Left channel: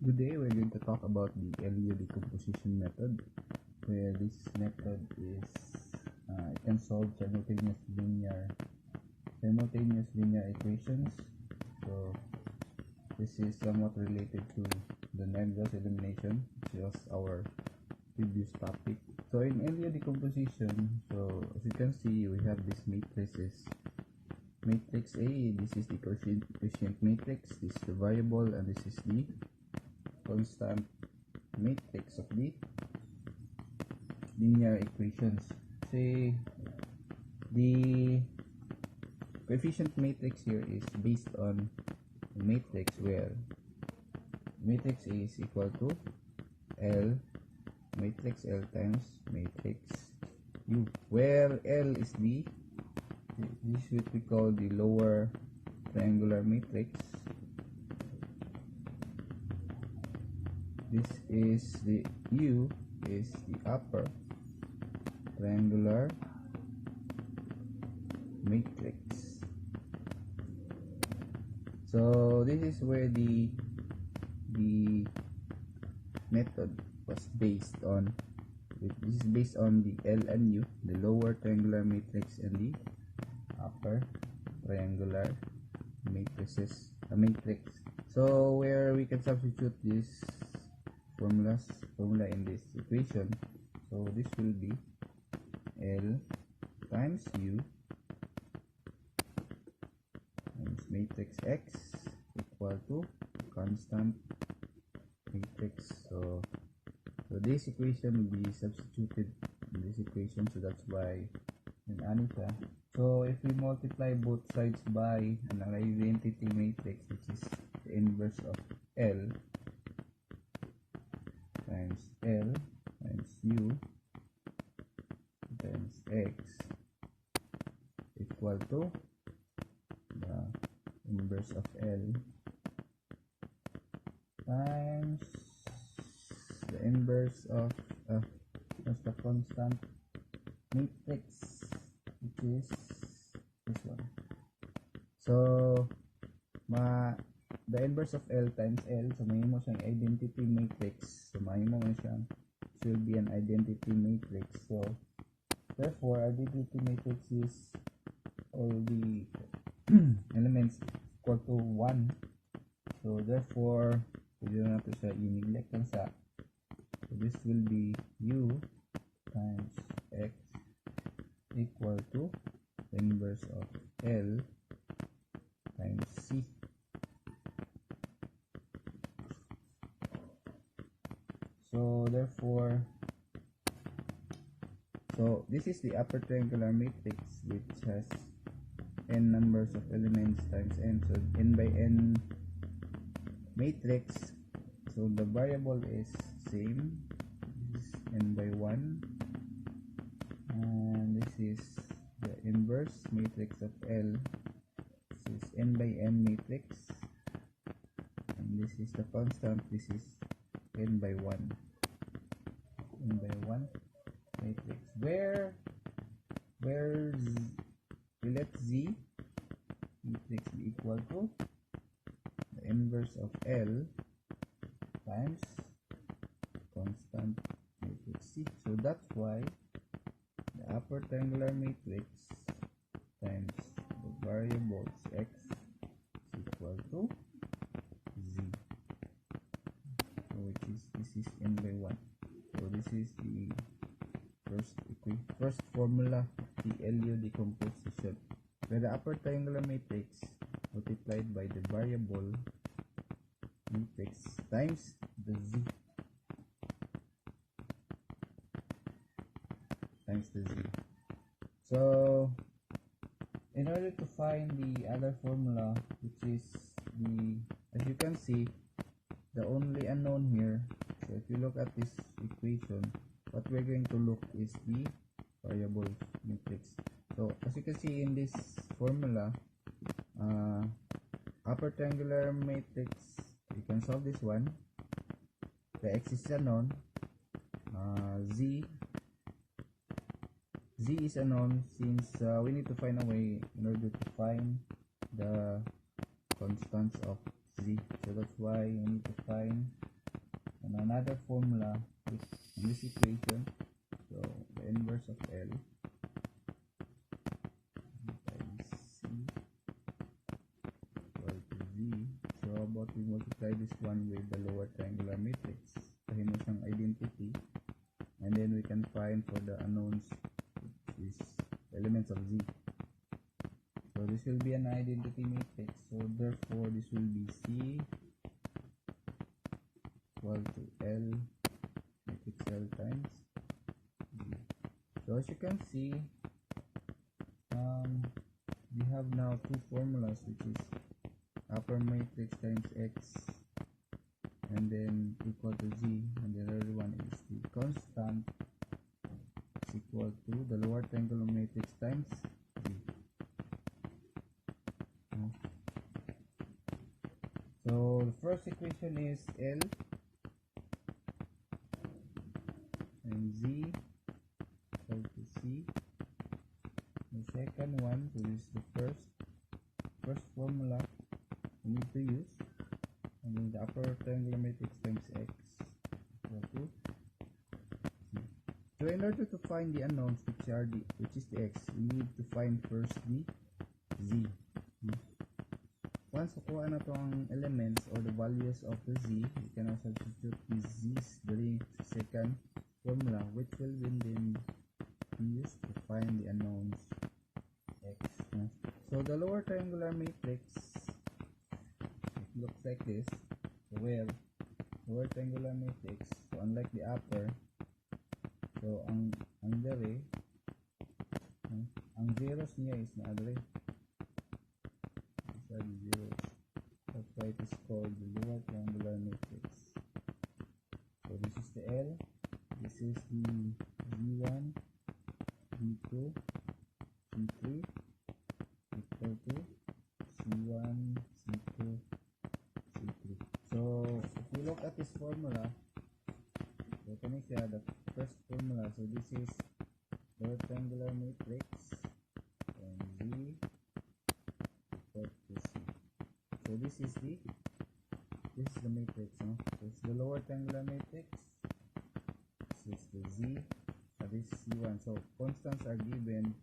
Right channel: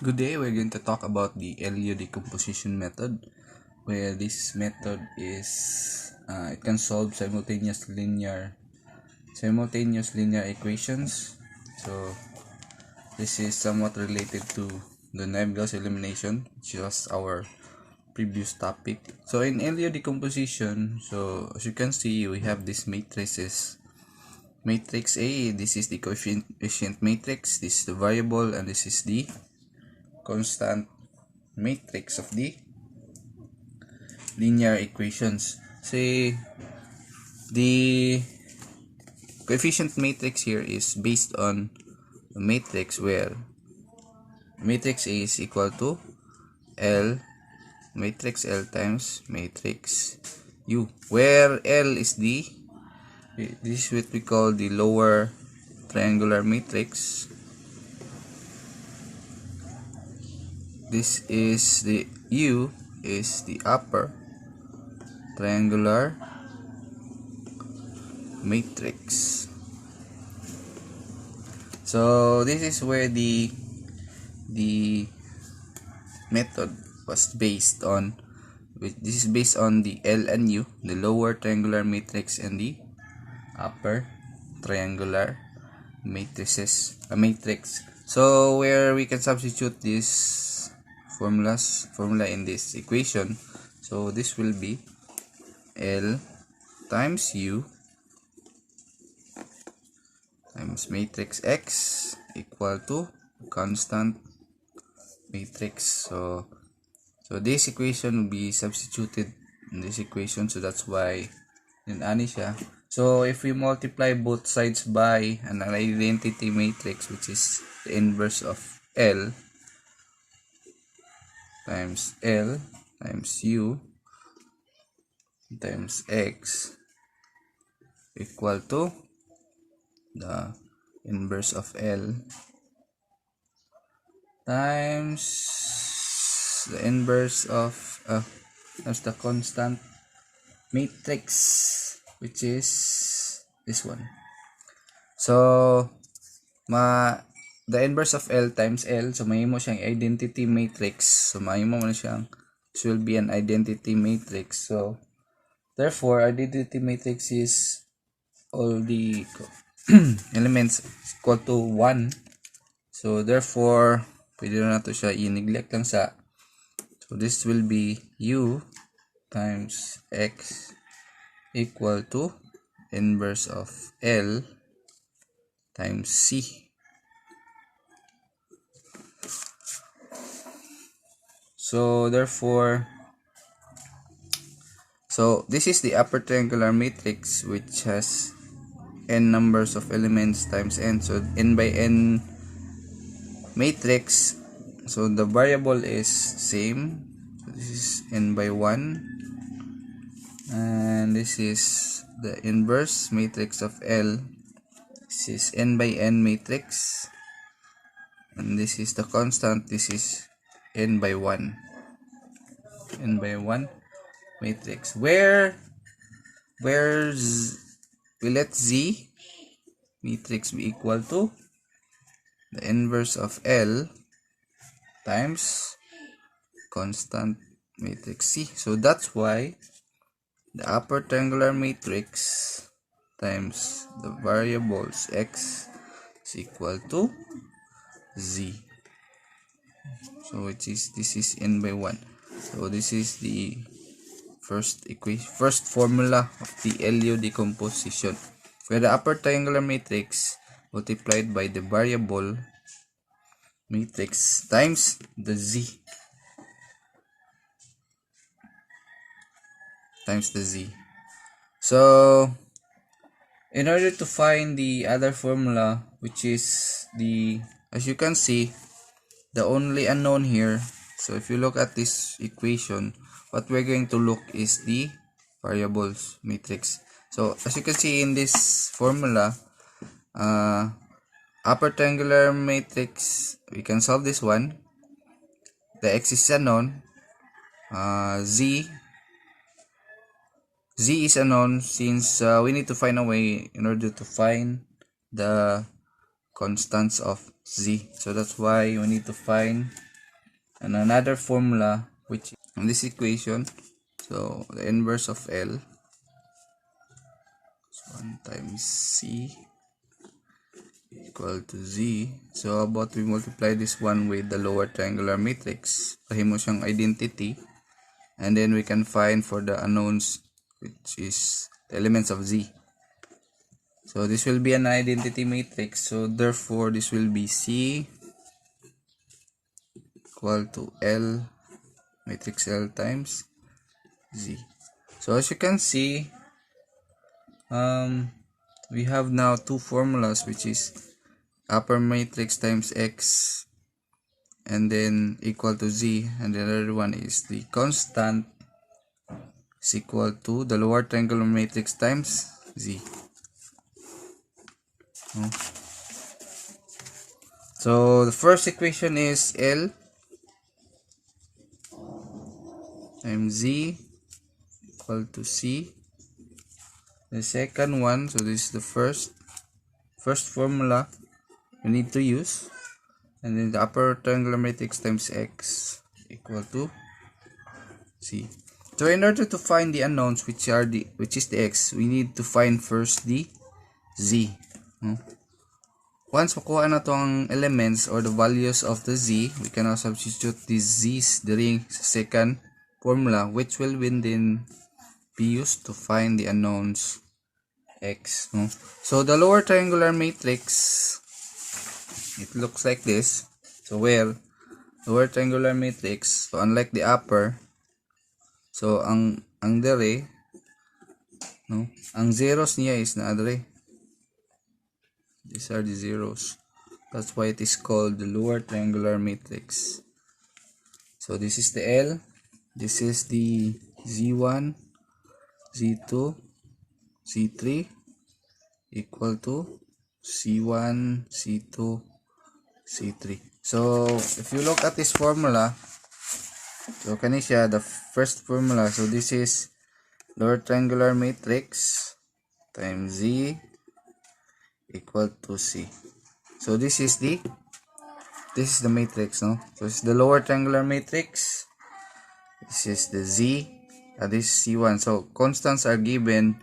Good day, we're going to talk about the LU decomposition method, where this method is it can solve simultaneous linear equations. So this is somewhat related to the nebulous elimination, which was our previous topic. So in LU decomposition, so as you can see, we have these matrices. Matrix A, this is the coefficient matrix, this is the variable, and this is the constant matrix of the linear equations. Say the coefficient matrix here is based on a matrix where matrix A is equal to matrix L times matrix U, where L is this is what we call the lower triangular matrix. This is the U is the upper triangular matrix. So this is where the method was based on. This is based on the L and U, the lower triangular matrix, and the upper triangular matrices matrix. So where we can substitute this formula in this equation. So this will be L times U times matrix X equal to constant matrix. So this equation will be substituted in this equation, so that's why in siya. So if we multiply both sides by an identity matrix, which is the inverse of L times U times X equal to the inverse of L times the inverse of times the constant matrix, which is this one. So the inverse of L times L, so mahimo siyang identity matrix. So mahimo man siyang, this will be an identity matrix. So therefore identity matrix is all the elements equal to 1. So therefore pwede na to siya i-neglect lang sa. So this will be U times X equal to inverse of L times C. So therefore, so this is the upper triangular matrix, which has n numbers of elements times n. So n by n matrix, so the variable is same. So this is n by 1, and this is the inverse matrix of L. This is n by n matrix, and this is the constant. This is n by 1 matrix, where we let Z matrix be equal to the inverse of L times constant matrix C. So that's why the upper triangular matrix times the variables X is equal to Z. So this is n by 1. So this is the first formula of the LU decomposition, where the upper triangular matrix multiplied by the variable matrix times the Z So in order to find the other formula, which is the, as you can see, the only unknown here. So if you look at this equation, what we're going to look is the variables matrix. So as you can see in this formula, upper triangular matrix, we can solve this one. The X is unknown. Z is unknown, since we need to find a way in order to find the constants of Z. So that's why we need to find and another formula which in this equation, so the inverse of L is 1 times C equal to Z. So how about we multiply this one with the lower triangular matrix, pahimo siyang identity, and then we can find for the unknowns, which is the elements of Z. So this will be an identity matrix, so therefore this will be C equal to L, matrix L times Z. So as you can see, we have now two formulas, which is upper matrix times X and then equal to Z, and the other one is the constant is equal to the lower triangular matrix times Z. So the first equation is L times Z equal to C. The second one, so this is the first formula we need to use, and then the upper triangular matrix times X equal to C. So in order to find the unknowns, which is the X, we need to find first the Z. Once makuha na to ang elements or the values of the Z, we can now substitute these Z's during sa second formula, which will then be used to find the unknowns X. So the lower triangular matrix, it looks like this. So where lower triangular matrix, so unlike the upper, so ang dere, ang zeros niya is na dere. These are the zeros. That's why it is called the lower triangular matrix. So this is the L, this is the Z1, Z2, C3 equal to C1, C2, C3. So if you look at this formula, so kani siya the first formula. So this is lower triangular matrix times Z equal to C. So this is the matrix, no? So it's the lower triangular matrix. This is the Z, this is C1. So constants are given,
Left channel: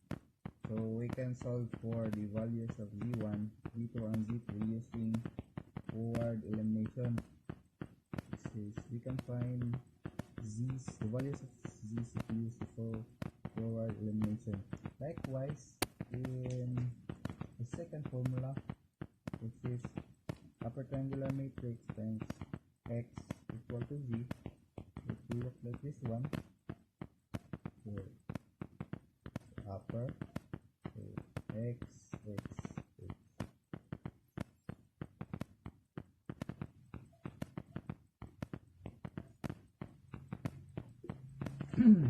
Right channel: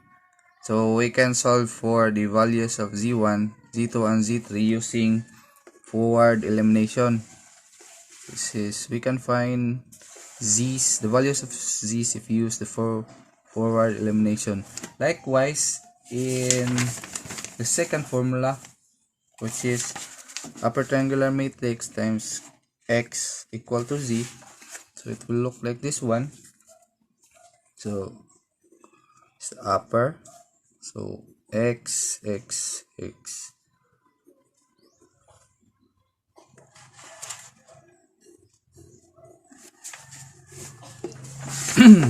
so we can solve for the values of Z1, Z2, and Z3 using forward elimination. This is, we can find Z's, the values of Z's, if you use the forward elimination. Likewise, in the second formula, which is upper triangular matrix times X equal to Z, so it will look like this one. So it's upper, so X, X, X.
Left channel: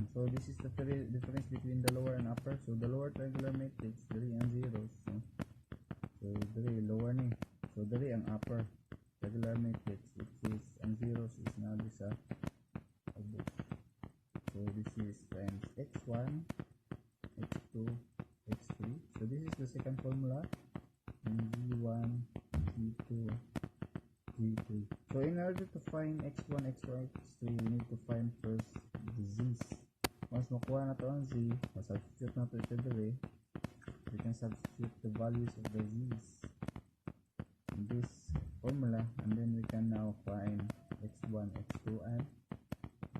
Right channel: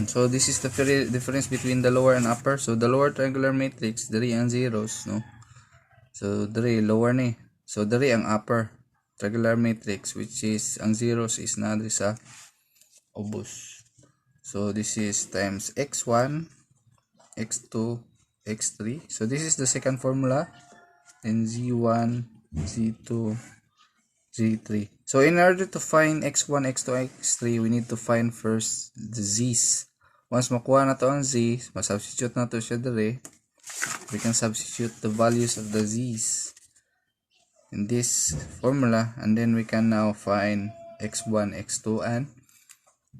So this is the difference between the lower and upper. So the lower triangular matrix, dari ang zeros, no? So dari lower ni. So dari ang upper triangular matrix, which is ang zeros is na dari sa obus. So this is times x1, x2, x3. So this is the second formula. And z1, z2, z3. So in order to find x1, x2, x3, we need to find first the z's. Once makuha na to ang z, masubstitute na to siya dire. We can substitute the values of the z's in this formula, and then we can now find x1, x2, and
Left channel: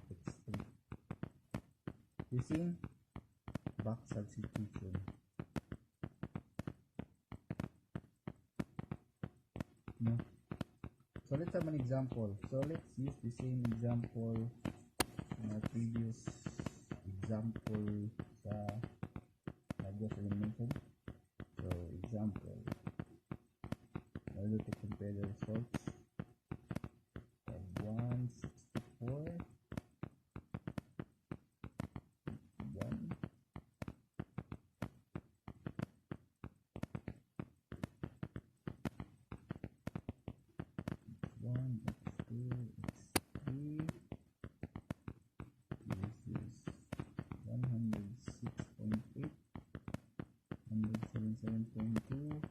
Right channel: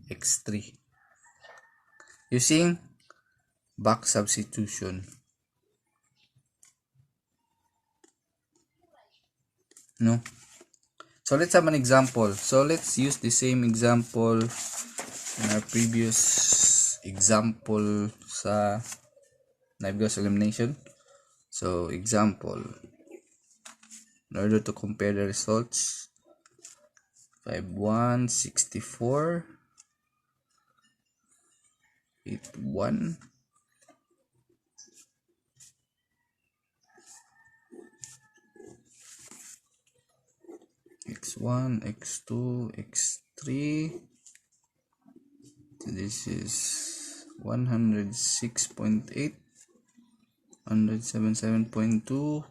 x3 using back substitution. No? So let's have an example. So let's use the same example in our previous example sa Navios elimination. So example, in order to compare the results, 5, 1, 64, 8, 1, x1, x2, x3. This is 106.8, 177.2,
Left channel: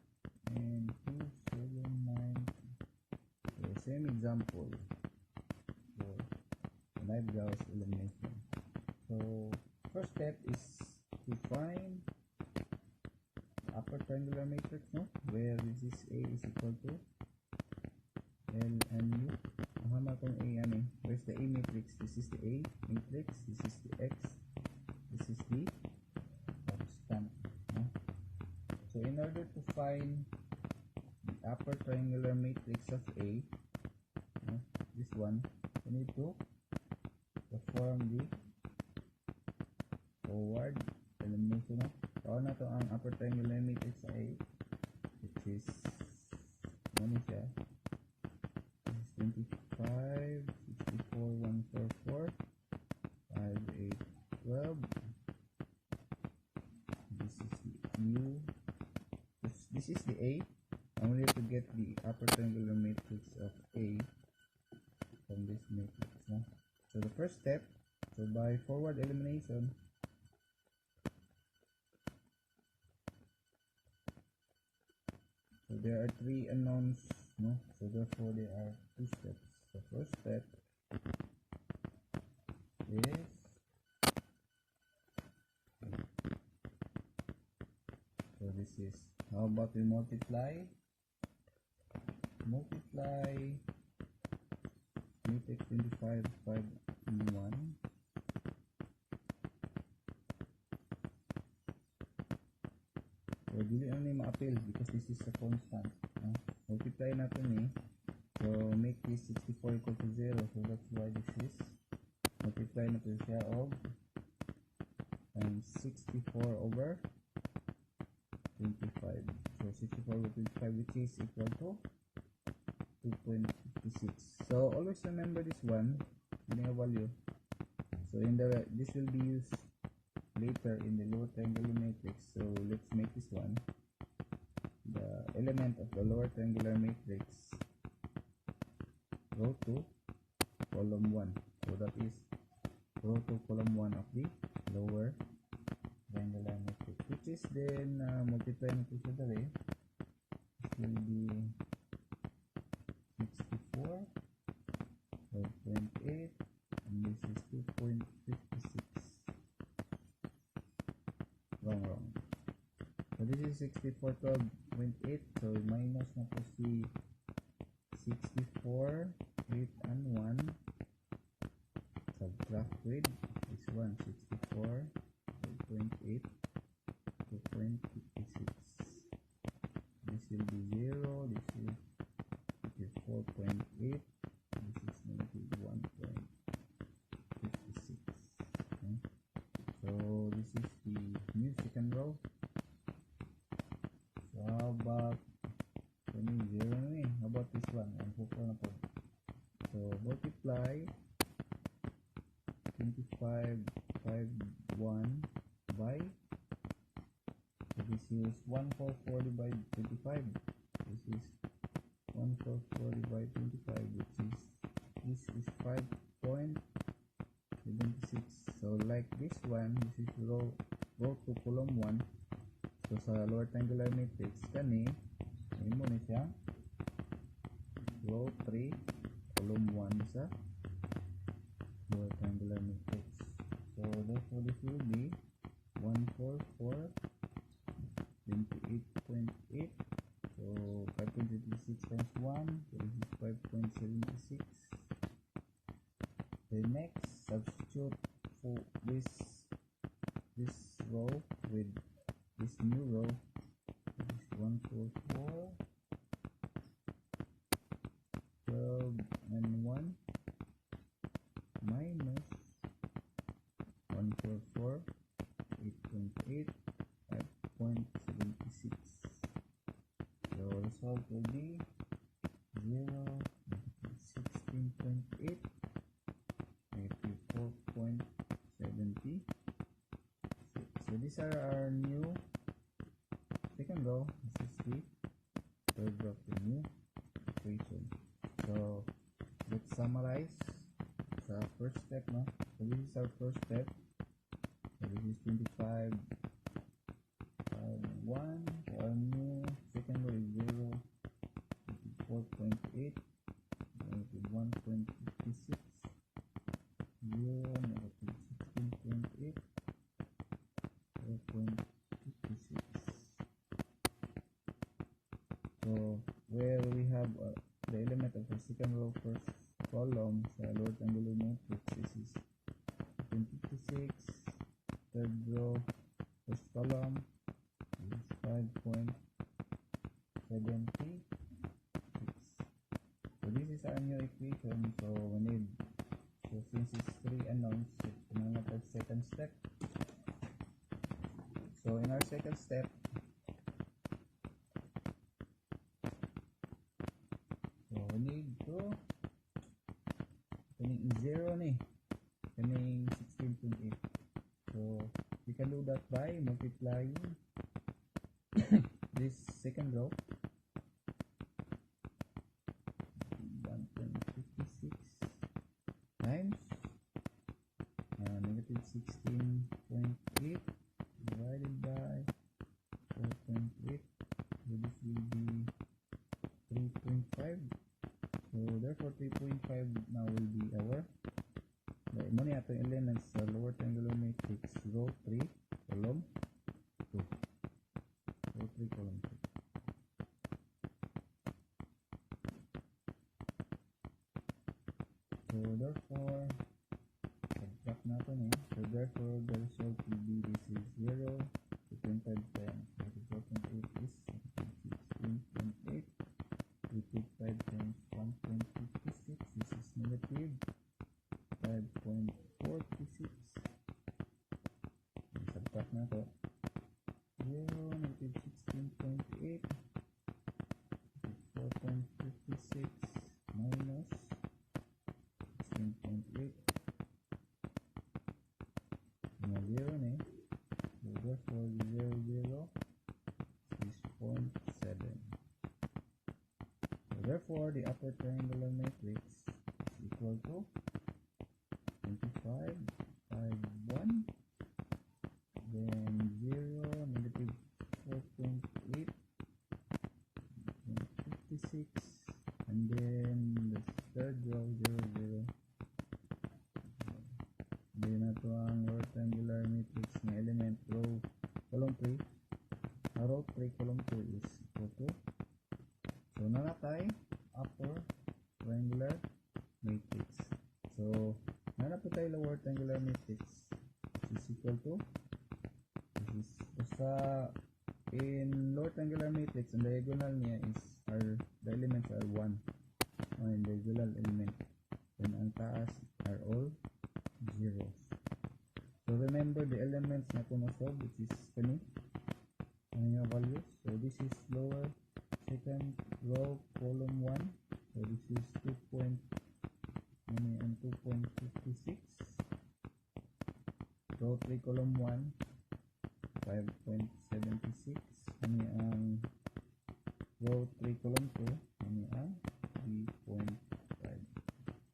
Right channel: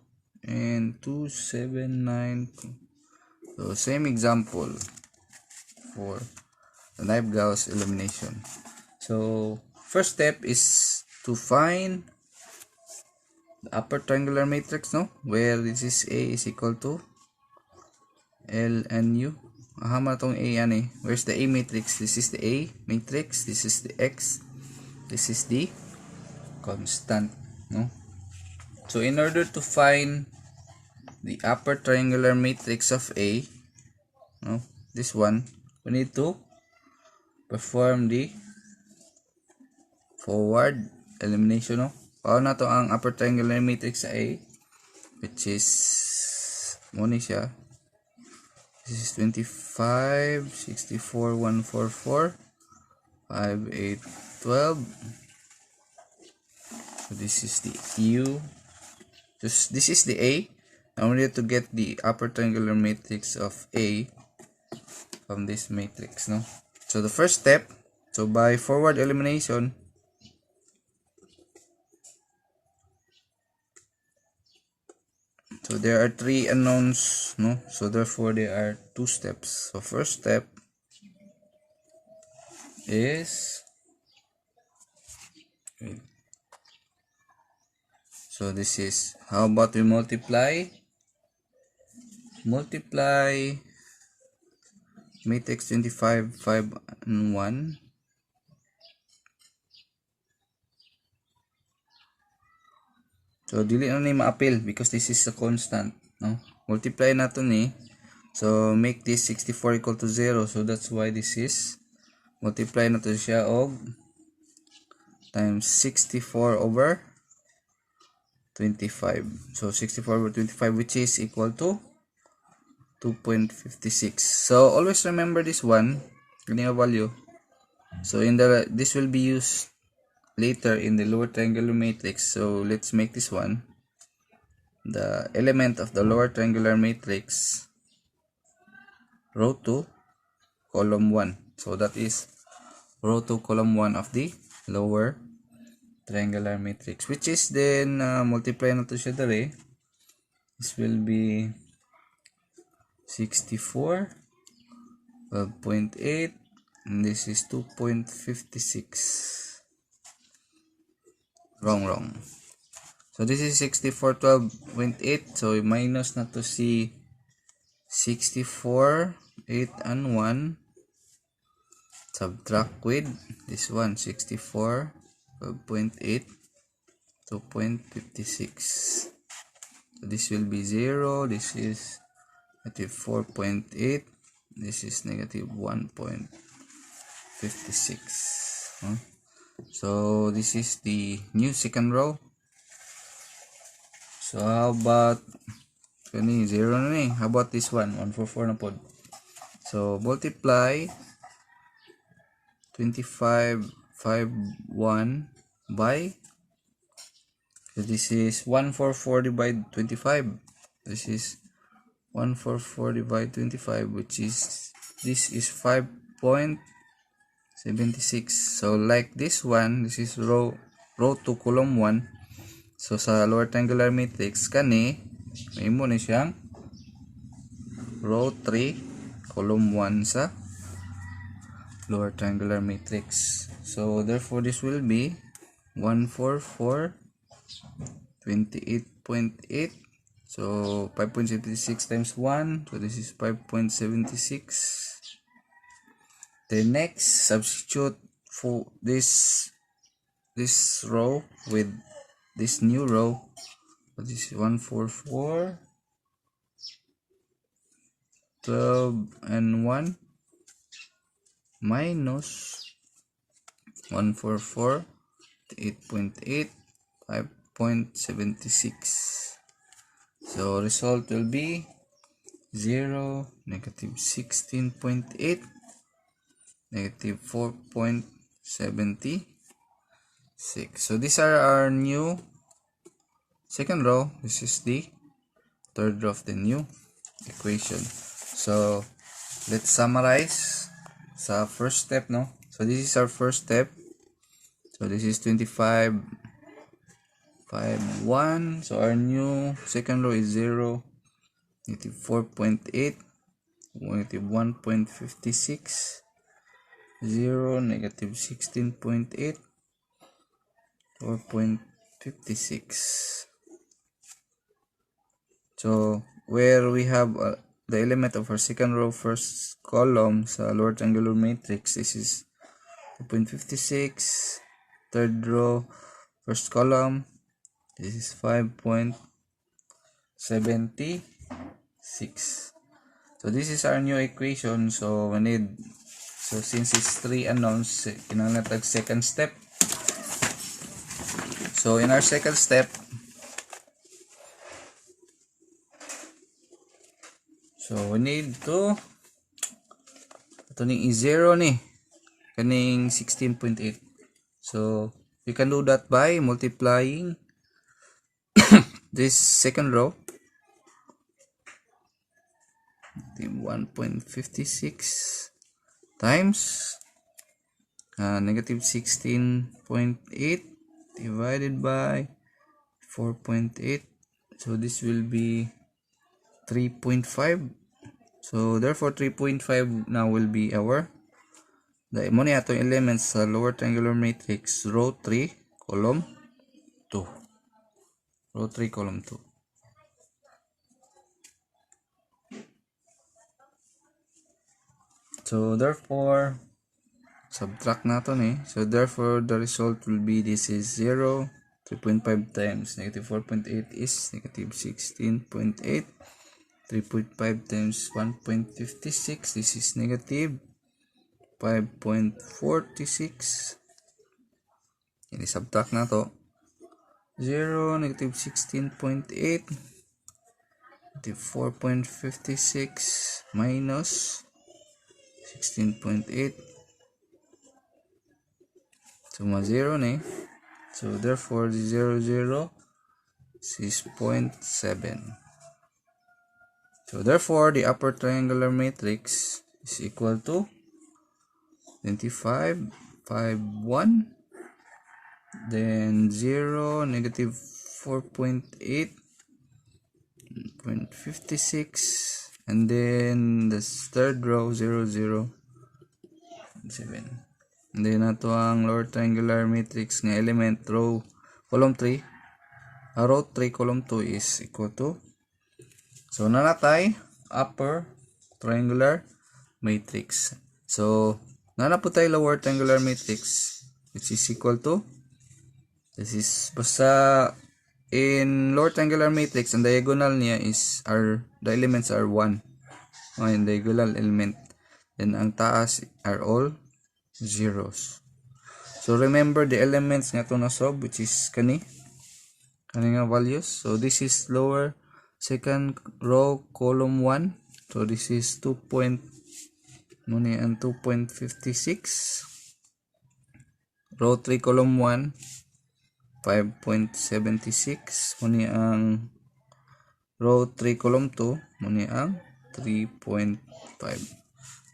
and 279. So same example, for the knife Gauss elimination. So first step is to find the upper triangular matrix, no, where this is A is equal to L and U. Ahama tong A yan eh. Where's the A matrix? This is the A matrix, this is the X, this is the constant, no? So in order to find the upper triangular matrix of A, no, this one, we need to perform the forward elimination, no? Paano na to ang upper triangular matrix sa A, which is muna siya. This is 25, 64, 144, 5, 8, 12. So this is the U. This is the A. Now we need to get the upper triangular matrix of A from this matrix, no? So the first step, so by forward elimination, so there are 3 unknowns, no? So therefore there are 2 steps. So first step is, so this is, how about we multiply matrix 25, 5, and 1. So dili na ni ma-appeal because this is a constant, no? Multiply nato ni, so make this 64 equal to 0. So that's why this is, multiply nato siya og times 64 over 25. So 64 over 25, which is equal to 2.56. So always remember this one, kanya value. So in the, this will be used later in the lower triangular matrix. So let's make this one the element of the lower triangular matrix, row 2, column 1. So that is row 2, column 1 of the lower triangular matrix, which is then multiply na to siya dere. This will be 64, 12.8, and this is 2.56. Wrong. So this is 64, 12.8. So minus na to si 64, 8, and 1. Subtract with this one, 64, 12.8, 2.56. So this will be 0. This is negative 4.8. This is negative 1.56. So this is the new second row. So how about 0 na ni? How about this one? 144 na pod. So multiply 25, 5, 1 by, so this is 144 divided 25. This is 144 divided 25, which is, this is 5.76. So like this one, this is row 2, column 1. So sa lower triangular matrix kani, may mo na siyang row 3, column 1 sa lower triangular matrix. So therefore this will be 144, 28.8. So 5.76 times 1, so this is 5.76. Then next, substitute for this row with this new row. So this is 144, 12, and 1 minus 144, 8.8, 5.76. So result will be 0, negative 16.8, negative 4.76. So these are our new second row. This is the third row of the new equation. So let's summarize sa first step, no? So this is our first step. So this is 25, 5, 1. So our new second row is 0, negative 4.8, negative 1.56, 0, negative 16.8, 4.56. So where we have the element of our second row first column sa lower triangular matrix, this is 2.56. Third row first column, this is 5.76. So this is our new equation. So we need, so since it's 3 unknowns, kinahanglan tag second step. So in our second step, so we need to ito ning i-0 ni kaning 16.8. So you can do that by multiplying this second row, 1.56 times negative 16.8 divided by 4.8. So this will be 3.5. So therefore 3.5 now will be our the mo ni atong elements sa lower triangular matrix, row 3 column 2, row 3 column 2. So therefore subtract natin so therefore the result will be, this is 0, 3.5 times negative 4.8 is negative 16.8, 3.5 times 1.56, this is negative 5.46. Ini subtract na to, 0, negative 16.8, negative 4.56 minus 16.8. So ma 0 na so therefore the 0, 0 is 0.7. So therefore the upper triangular matrix is equal to 25, 5, 1, then 0, negative 4.8, 0.56, and then the third row 0, 0, 7. And then nato ang lower triangular matrix ng element row column 3, row 3 column 2 is equal to, so nanatay upper triangular matrix. So nana po tayo lower triangular matrix which is equal to, this is basta in lower triangular matrix ang diagonal niya is the elements are 1 yung diagonal element, then ang taas are all zeros. So remember the elements nga to na solve, which is kani nga values. So this is lower second row column 1, so this is 2.56, row 3 column 1 5.76, muni ang row 3 column 2, muni ang 3.5.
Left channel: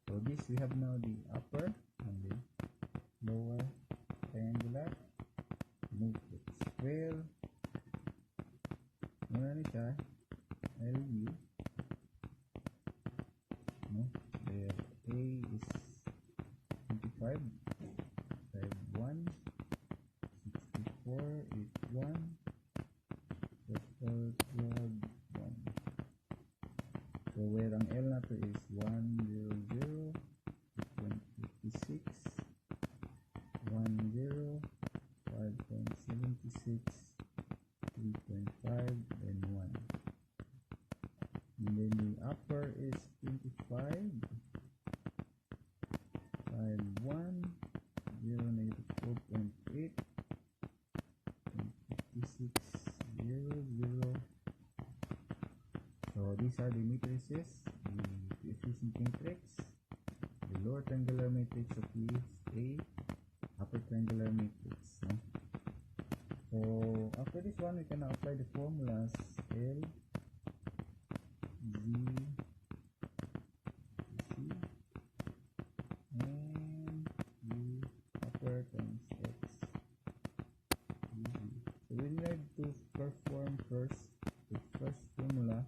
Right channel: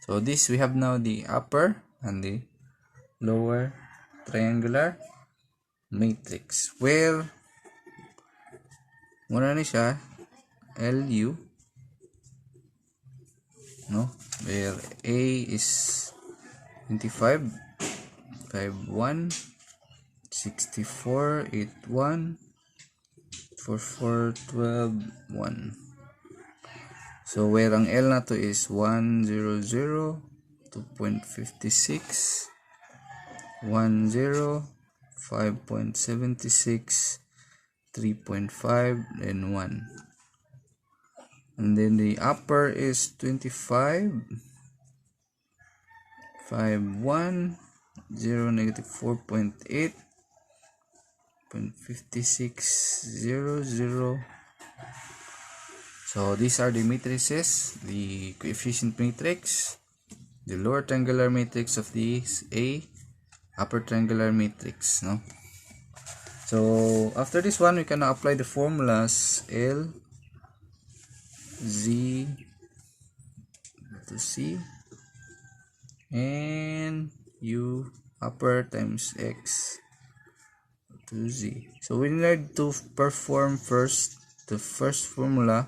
So this we have now the upper and the lower triangular matrix, where muna ni siya LU, no, where A is 25, 51, 64, 81, 44, 12, 1. So where ang L na to is 1, 0, 0, 2.56, 1, 0, 5.76, 3.5, and 1. And then the upper is 25, 5, 1, 0, negative 4.8, 0.56, 0, 0. So these are the matrices, the coefficient matrix, the lower triangular matrix of this A, upper triangular matrix, no? So after this one, we can apply the formulas L, Z to C, and U upper times X to Z. So we need to perform first the first formula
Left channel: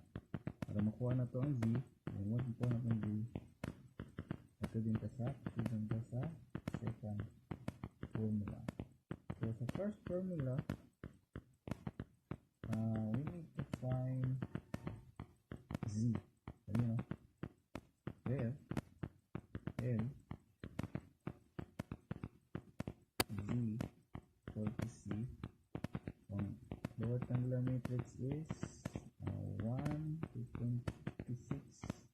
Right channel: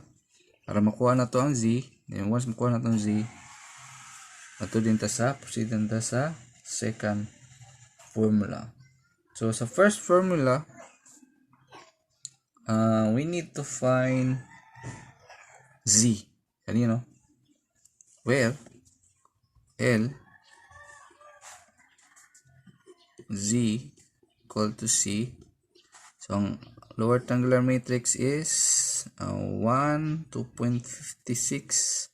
para makuha na to ang Z. And once makuha na itong z, ato din ta sa, proceed din ta sa second formula. So sa first formula, we need to find z. Kanino? Where L z equal to C. So ang lower triangular matrix is 1, 2.56,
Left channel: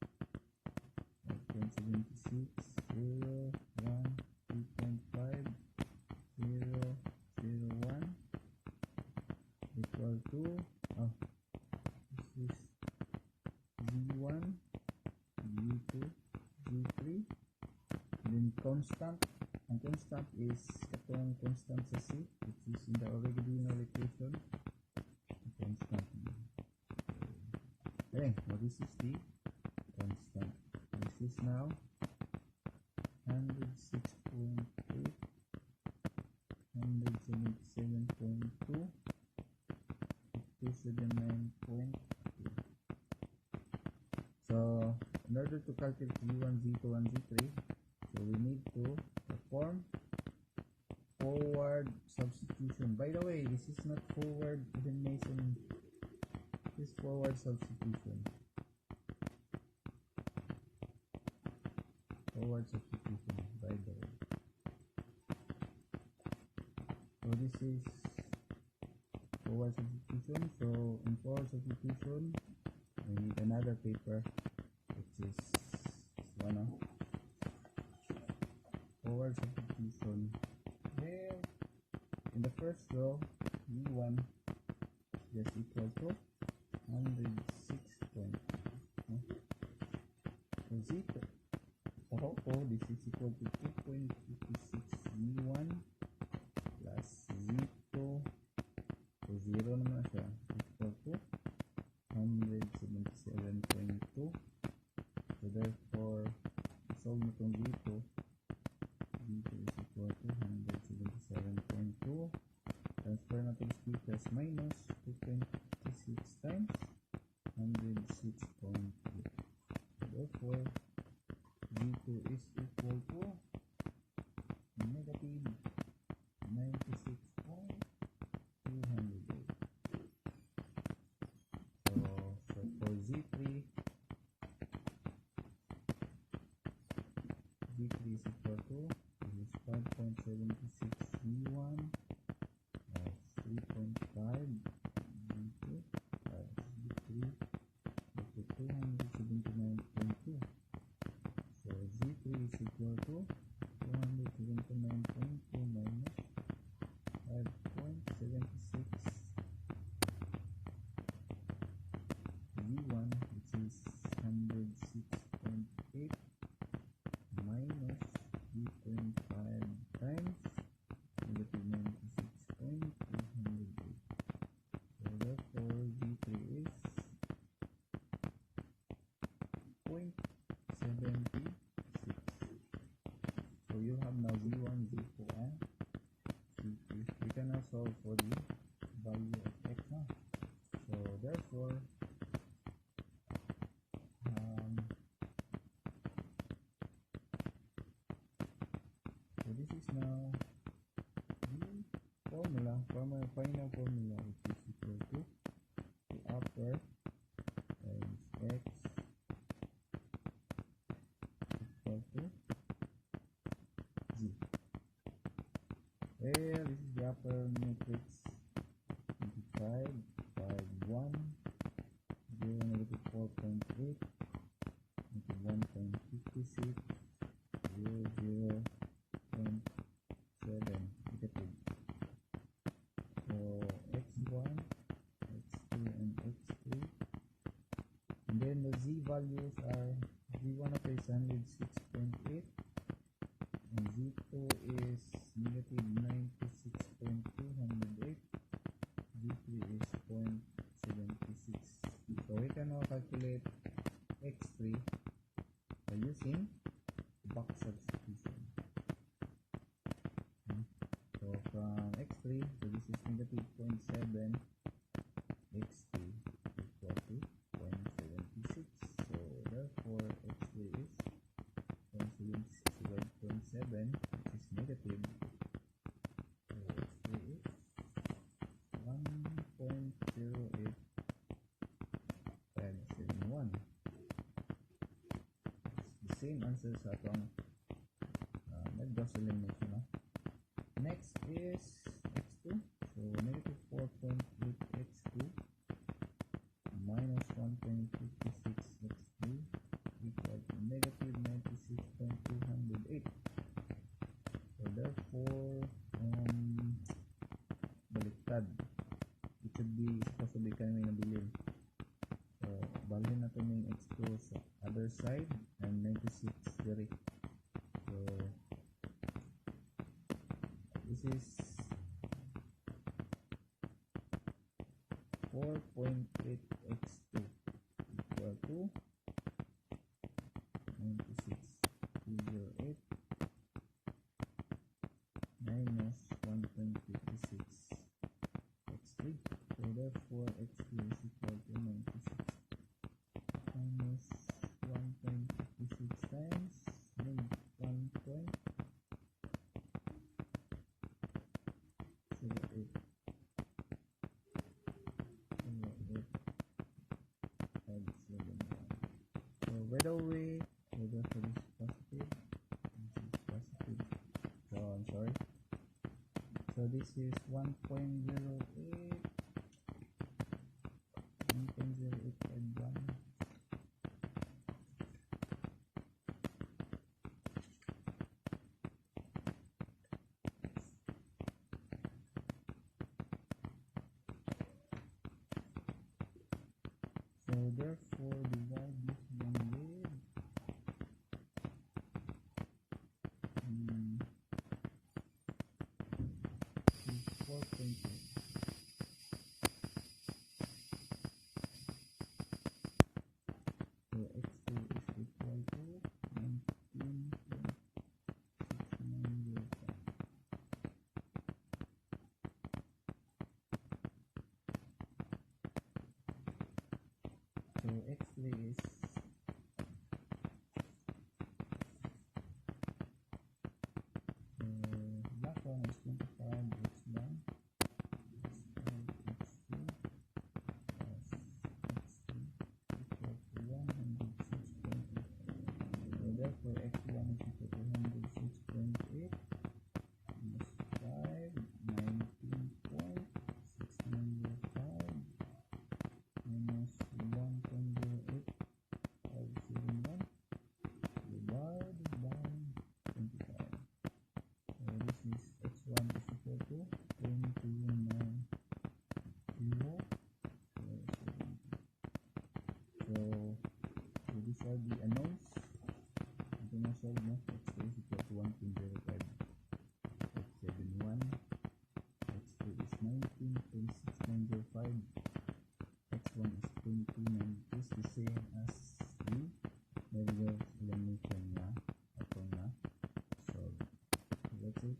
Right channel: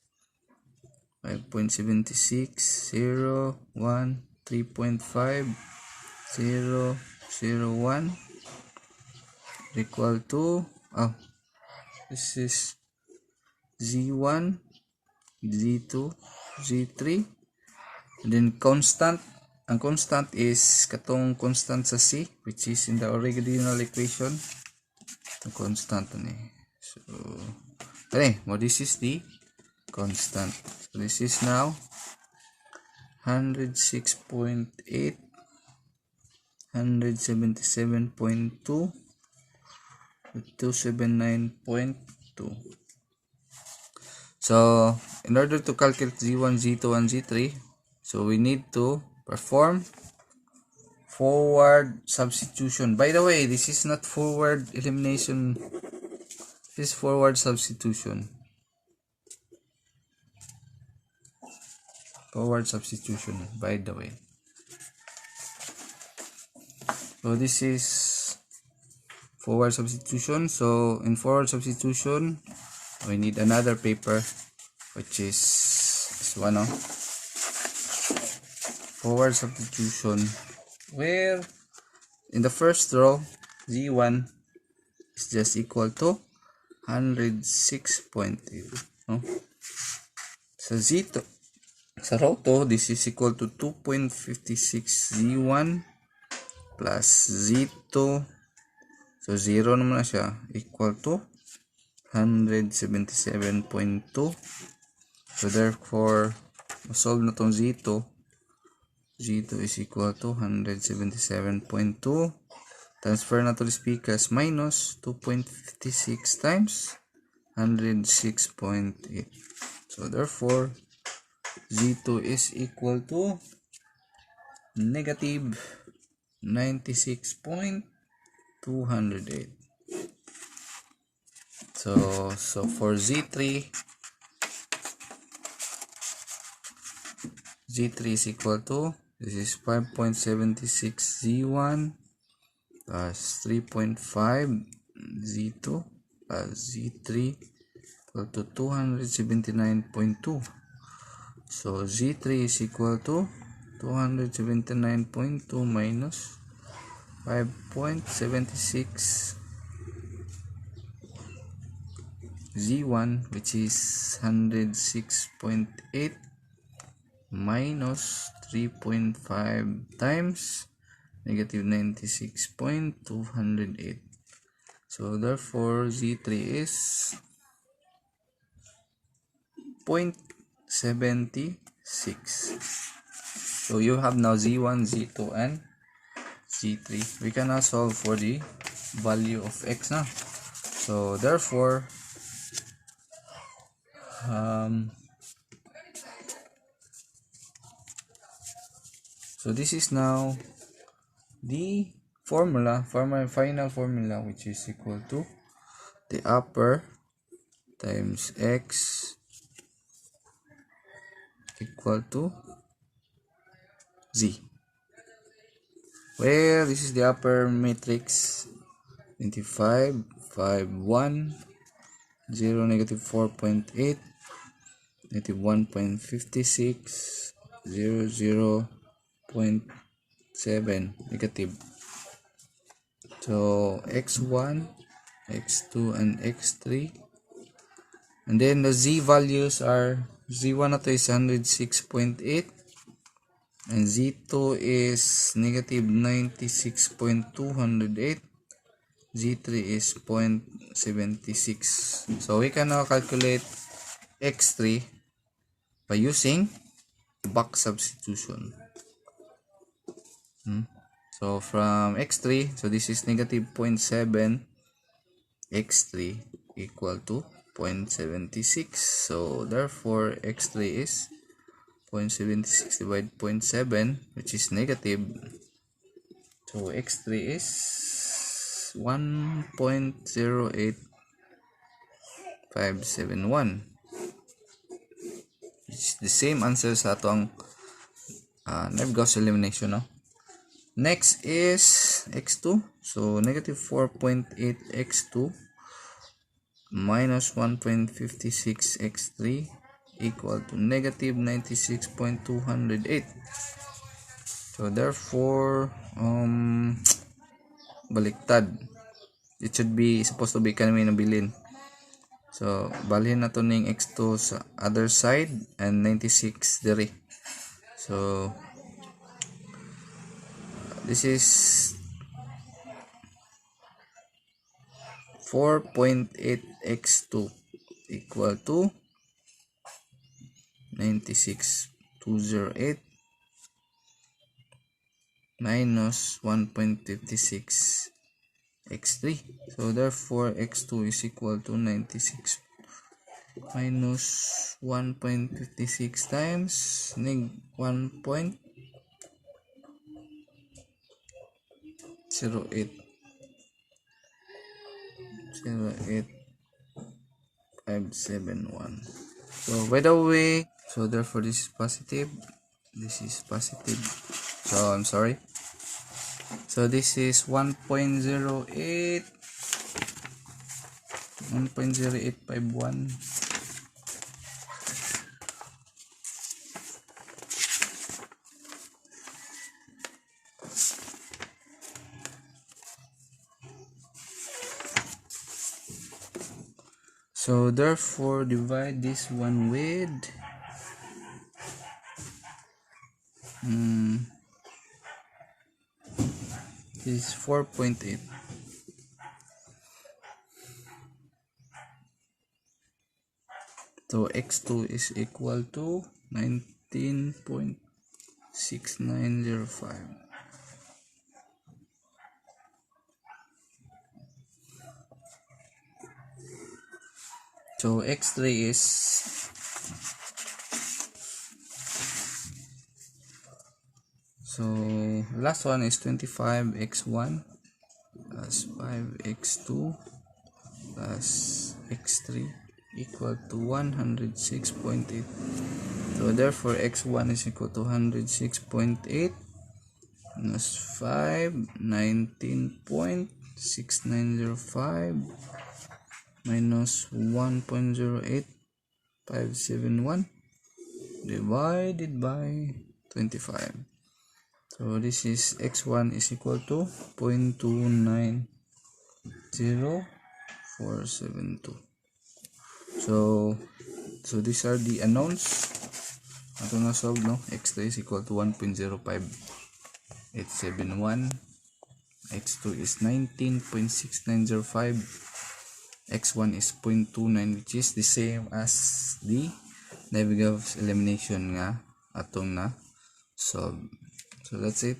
5.76, 0, 1, 3.5, 0, 0, 1 equal to, this is Z1, Z2, Z3, and then constant. Ang constant is katong constant sa C, which is in the original equation. Ang constant ni. So, this is the constant. So this is now 106.8, 177.2, 279.2. So in order to calculate Z1, Z2, and Z3, so we need to perform forward substitution. By the way, this is not forward elimination, this is forward substitution. Forward substitution, by the way. So this is forward substitution. So in forward substitution, we need another paper, which is this one, forward substitution, where in the first row Z1 is just equal to 106.8. So Z2, sa row 2, this is equal to 2.56 Z1 plus Z2. So 0 naman na siya, equal to 177.2. So therefore, solve na tong Z2. Z2 is equal to 177.2. Transfer na to the speakers, minus 2.56 times 106.8. So therefore, Z2 is equal to negative 96.208. So for Z3 is equal to, this is 5.76 Z1 plus 3.5 Z2 plus Z3 equal to 279.2. So Z3 is equal to 279.2 minus 5.76 Z1, which is 106.8, minus 3.5 times negative 96.208. So therefore Z3 is 0.76. So you have now Z1, Z2, and Z3. We can now solve for the value of X now. So therefore, so this is now the final formula, which is equal to the upper times X equal to Z, where this is the upper matrix 25, 5, 1, 0, negative 4.8, negative 1.56, 0, 0.7 negative. So x1, x2, and x3, and then the z values are, z1 na to is 106.8, and z2 is negative 96.208, z3 is 0.76. So we can now calculate x3 by using back substitution. So from x3, so this is negative 0.7, x3 equal to 0.76. So therefore x3 is 0.76 divided 0.7, which is negative. So x3 is 1.08571, which is the same answer sa atong Gauss elimination, no? Next is x2. So negative 4.8 x2 minus 1.56 x3 equal to negative 96.208. So therefore baliktad, it should be supposed to be kanami nabilin. So balhin na to ning x2 sa other side and 96 diri. So this is 4.8 x2 equal to 96.208 minus 1.56 x3. So therefore x2 is equal to 96 minus 1.56 times neg 1.08571. So by the way, so therefore this is positive, this is positive, so I'm sorry. So this is 1.0851. So therefore divide this one with this is 4.8. So x2 is equal to 19.6905. So x3 is so last one is 25x1 plus 5x2 plus x3 equal to 106.8. So therefore x1 is equal to 106.8 minus 5, 19.6905 minus 1.08571 divided by 25. So this is x1 is equal to 0.290472. So these are the unknowns. Ato na solve, no? x3 is equal to 1.05871, x2 is 19.6905, x1 is 0.29, which is the same as the Gauss elimination nga atong na solve. So that's it.